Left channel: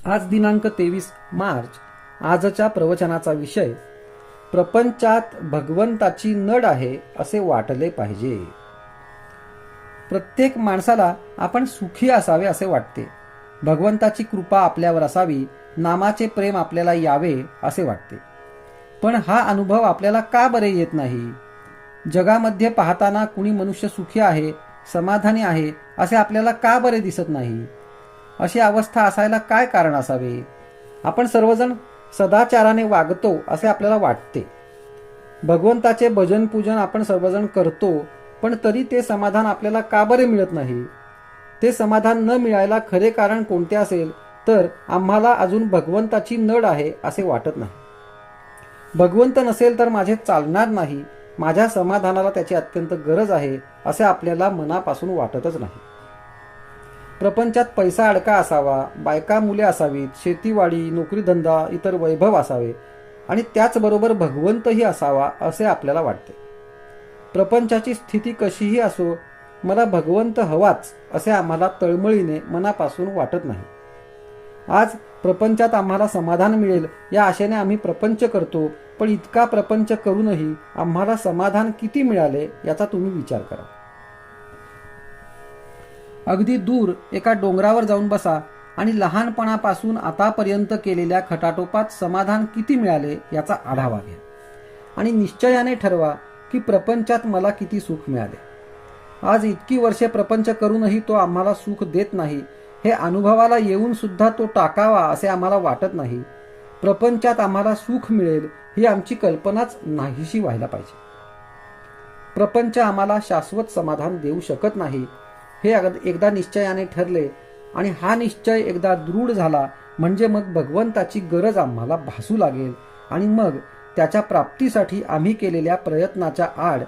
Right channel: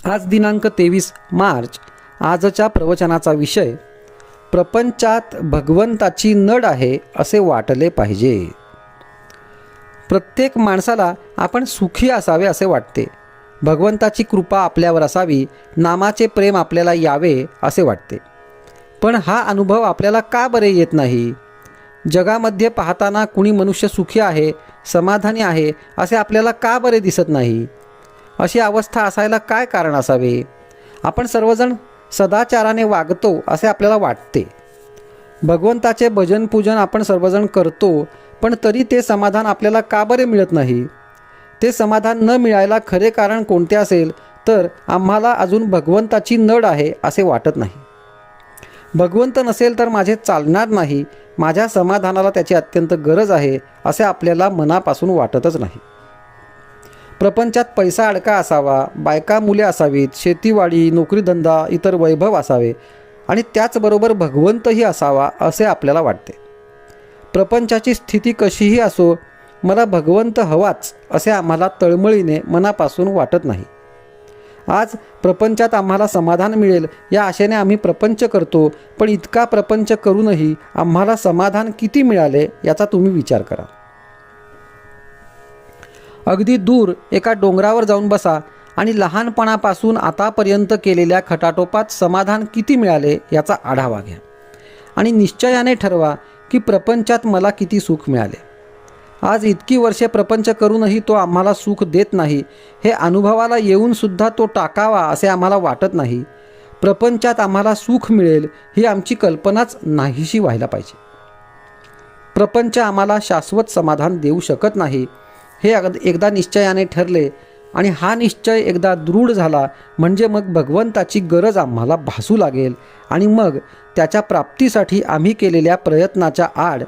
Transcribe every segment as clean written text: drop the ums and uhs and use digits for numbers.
आज दिनांक 23 मार्च. आजच्या प्रवचनाचा विषय प्रपंचात भगवंताची नड आहे असे वाटले पाहिजे. प्रत्येक माणसाला आपण सुखी असावे असे वाटते. भगवंताची कृपा आपल्यावर असावी, नामाचे प्रेम आपल्याला यावे असे वाटते. पण हा अनुभव आपल्याला का बरे येत नाही? जगामध्ये पाहताना कुणी मनुष्य सुखी आहे, समाधानी आहे असे आपल्याला का बरे दिसत नाही? अशी अवस्था असायला काय कारण असावे? आपण सर्वजण सदाचाराने वागतो असे आपल्याला वाटते. भगवंताचे भजन पूजन आपण सर्वजण करतो, पण तरी ते समाधान आपल्याला का बरे मिळत नाही? ते समाधान न मिळायला खरे कारण कोणते असेल तर आम्हाला अजून भगवंताची नड आहे असे वाटत नाही. भगवंत नसेल तर माझे चालणार नाही, माझ्या समाधानाला त्याची अत्यंत गरज आहे असे आपल्याला मनापासून वाटतच नाही. प्रपंचात पैसा अडका असावा, बायका मुले असावीत, शेतीवाडी नोकरीधंदा इतर वैभव असावे आणि त्याचबरोबर भगवंतही असावा असे आपल्याला वाटते. प्रपंचाची स्थिती कशीही असो, मला भगवंत हवाच असे आम्हाला तळमळीने मनापासून वाटत नाही. आज प्रपंचात आम्हाला समाधान मिळेल या आशेने आम्ही प्रपंच करतो, पण इतका प्रपंच करूनही आम्हाला समाधान किती मिळाले याचा तुम्ही विचार करा. अगदी दूर एका डोंगरावर जाऊन बसा आणि लहानपणापासून आतापर्यंत केलेल्या खटाटोपात समाधान किती मिळाले याचा आढावा घ्या आणि निश्चयाने ठरवा की प्रपंचात मला किती सुख मिळाले. आज इतकी वर्षे प्रपंच करूनही तो आम्हाला सुख देत नाही, हे अनुभवाला येऊन सुद्धा तो टाकावा असे आम्हाला वाटत नाही. प्रपंचात आम्हाला सुख मिळेल ही आमची कल्पनाच नाहीशी व्हायला पाहिजे. प्रपंच आम्हाला शाश्वत समाधान देऊ शकत नाही हे एकदा निश्चयाने ठरले आणि हा निश्चय एकदा दृढ झाला म्हणजे मग भगवंताची गरज आम्हाला भासू लागेल आणि मग त्याच्या प्राप्तीसाठी आम्ही केलेल्या प्रयत्नाच्या आड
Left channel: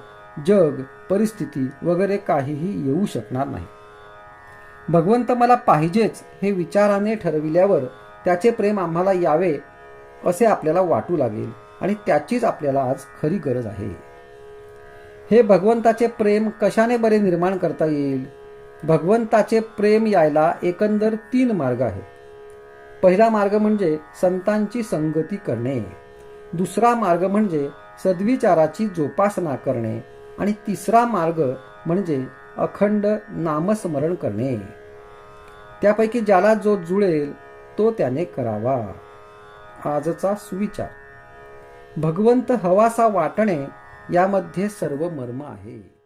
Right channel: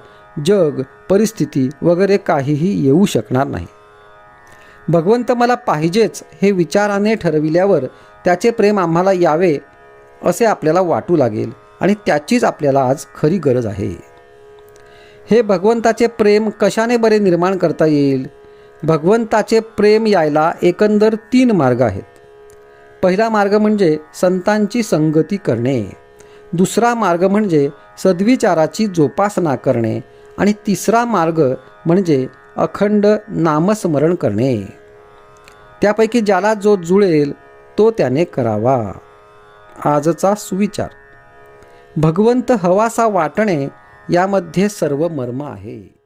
जग, परिस्थिती वगैरे काहीही येऊ शकणार नाही. भगवंत मला पाहिजेच हे विचाराने ठरविल्यावर त्याचे प्रेम आम्हाला यावे असे आपल्याला वाटू लागेल आणि त्याचीच आपल्याला आज खरी गरज आहे. हे भगवंताचे प्रेम कशाने बरे निर्माण करता येईल? भगवंताचे प्रेम यायला एकंदर 3 मार्ग आहेत. पहिला मार्ग म्हणजे संतांची संगती करणे, दुसरा मार्ग म्हणजे सद्विचाराची जोपासना करणे आणि तिसरा मार्ग म्हणजे अखंड नामस्मरण करणे. त्यापैकी ज्याला जो जुळेल तो त्याने करावा. आजचा सुविचार: भगवंत हवासा वाटणे यामध्ये सर्व मर्म आहे.